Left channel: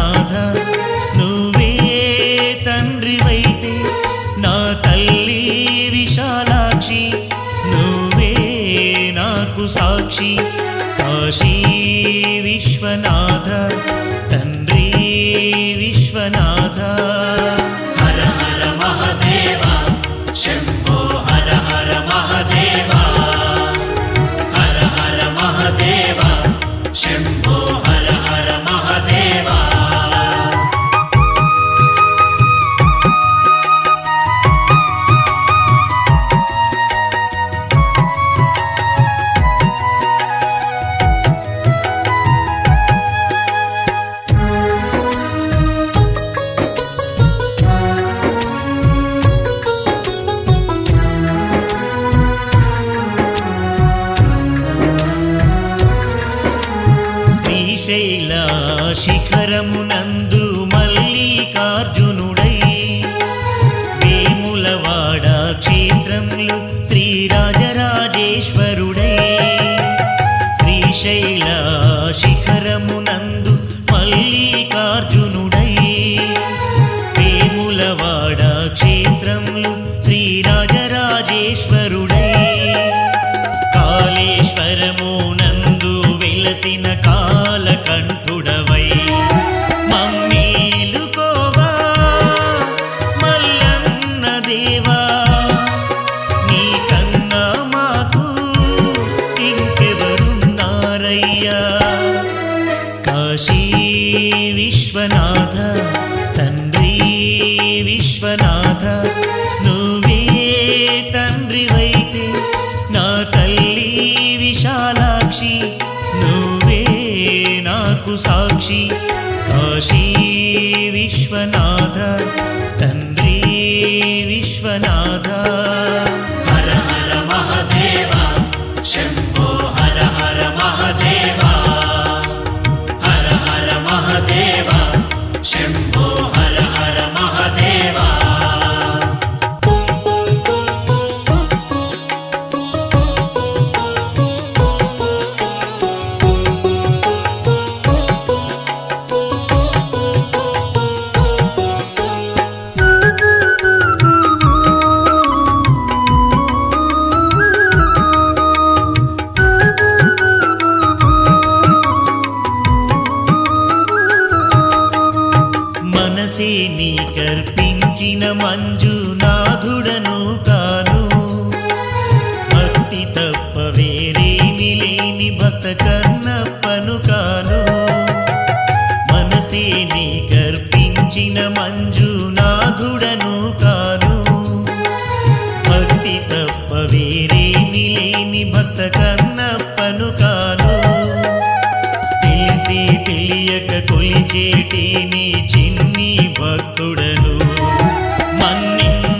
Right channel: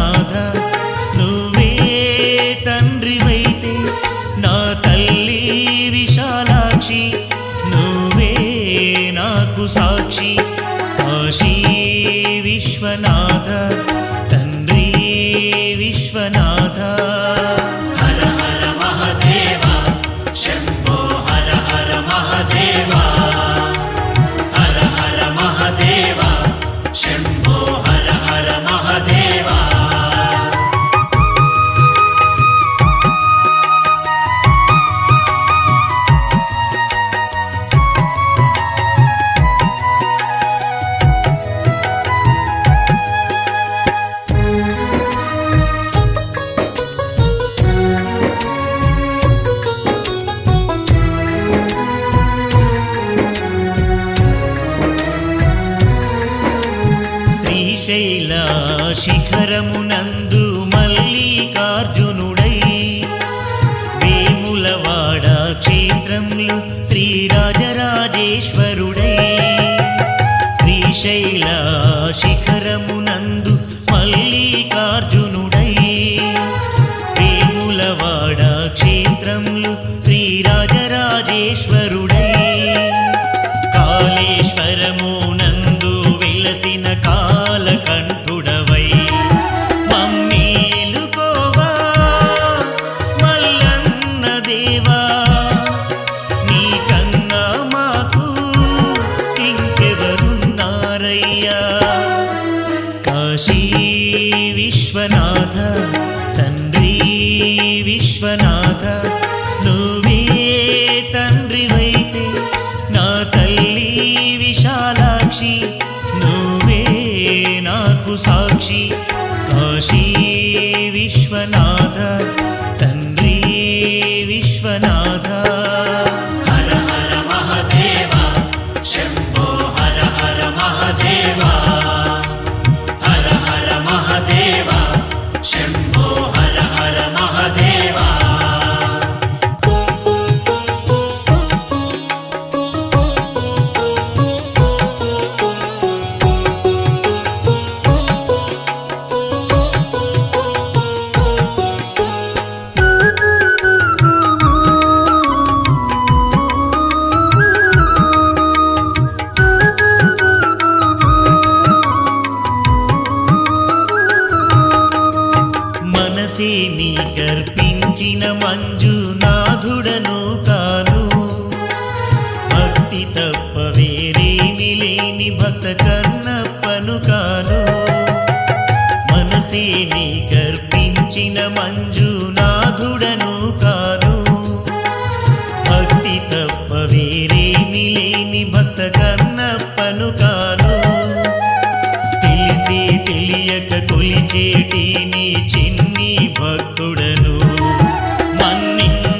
నాథ నువ్వే తండ్రివైతే నా తల్లి విశాలాక్షి నువ్వే నాకు సాక్షి కాశీ విశ్వనాథ తండ్రి విశ్వనాథ. హర హర మహదేవ శంభో హర హర మహదేవా. శ్రీశైల శిఖరమునందు మల్లికార్జునుడై. వేములవాడ క్షేత్రములు శ్రీరాజరాజేశ్వరుడై. శ్రీశైల శిఖరమునందు మల్లికార్జునుడై. వేములవాడ క్షేత్రములు శ్రీరాజరాజేశ్వరుడై. కాళేశ్వరమునందు వెలసిన కాలకంఠుడవై మమ్మీలుకోవా మల్లన్న దేవా నీకన్నా మాకు ఇంకెవరున్నారయ్యా? కాశీ విశ్వనాథ తండ్రి విశ్వనాథ నువ్వే తండ్రివైతే నా తల్లి విశాలాక్షి నువ్వే నాకు సాక్షి. కాశీ విశ్వనాథ తండ్రి విశ్వనాథ. హర హర మహదేవ శంభ మంజునాథుడను కాను. భక్తి తప్ప వేరేమి లేని భక్త కన్నప్పను కాను. మనసేని కర్పించిన మంజునాథుడను కాను. భక్తి తప్ప వేరేమి లేని భక్త కన్నప్పను కాను. తెలిసి తెలియక కొలిచేటి నీ చిన్ని భక్తుడను. మన్నించరావా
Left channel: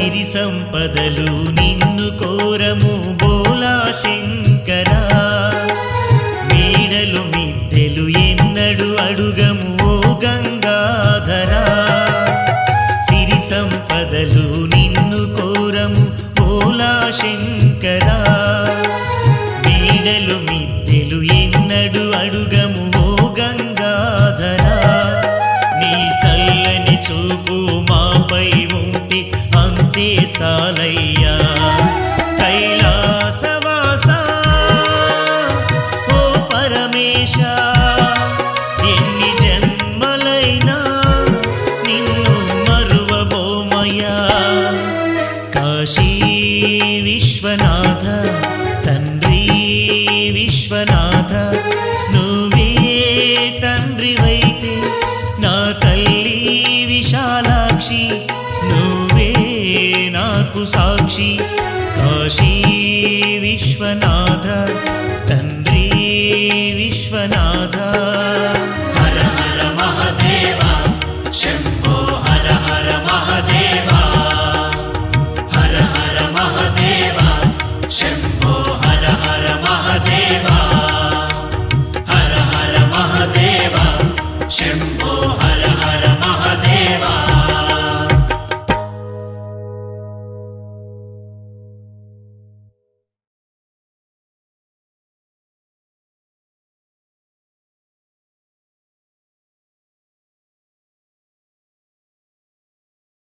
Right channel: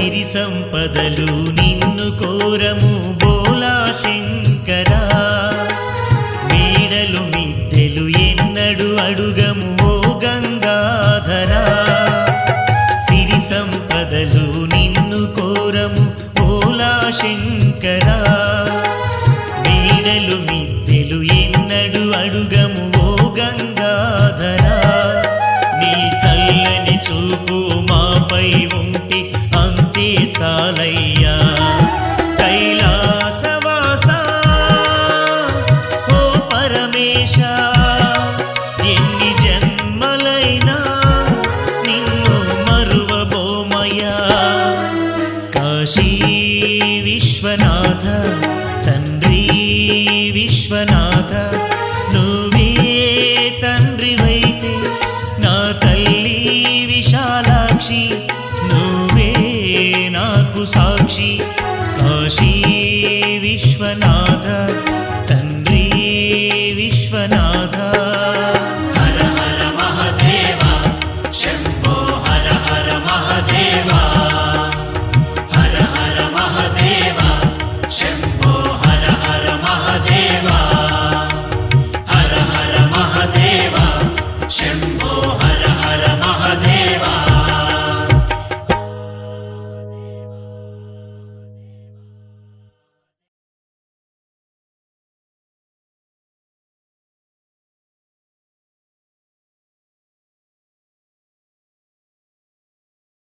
సిరి సంపదలు నిన్ను కోరము బోలా శంకరా. మేడలు మిద్దెలు ఎన్నడు అడుగము ఓ గంగా. చూపు మాపై ఉంటి అంతే చాలయ్యా. కైలాసవాస ఓ పరమేశ ఎన్ని జన్మలైనా నిన్ను మరువబోమయ్యా. కాశీ విశ్వనాథ తండ్రి విశ్వనాథ నువ్వే తండ్రివైతే నా తల్లి ी నువ్వే నాకు సాక్షి. కాశీ విశ్వనాథ తండ్రి విశ్వనాథ. హర హర మహదేవ శంభో హర హర మహదేవ. హర హర మహదేవ శంభో హర హర మహదేవా.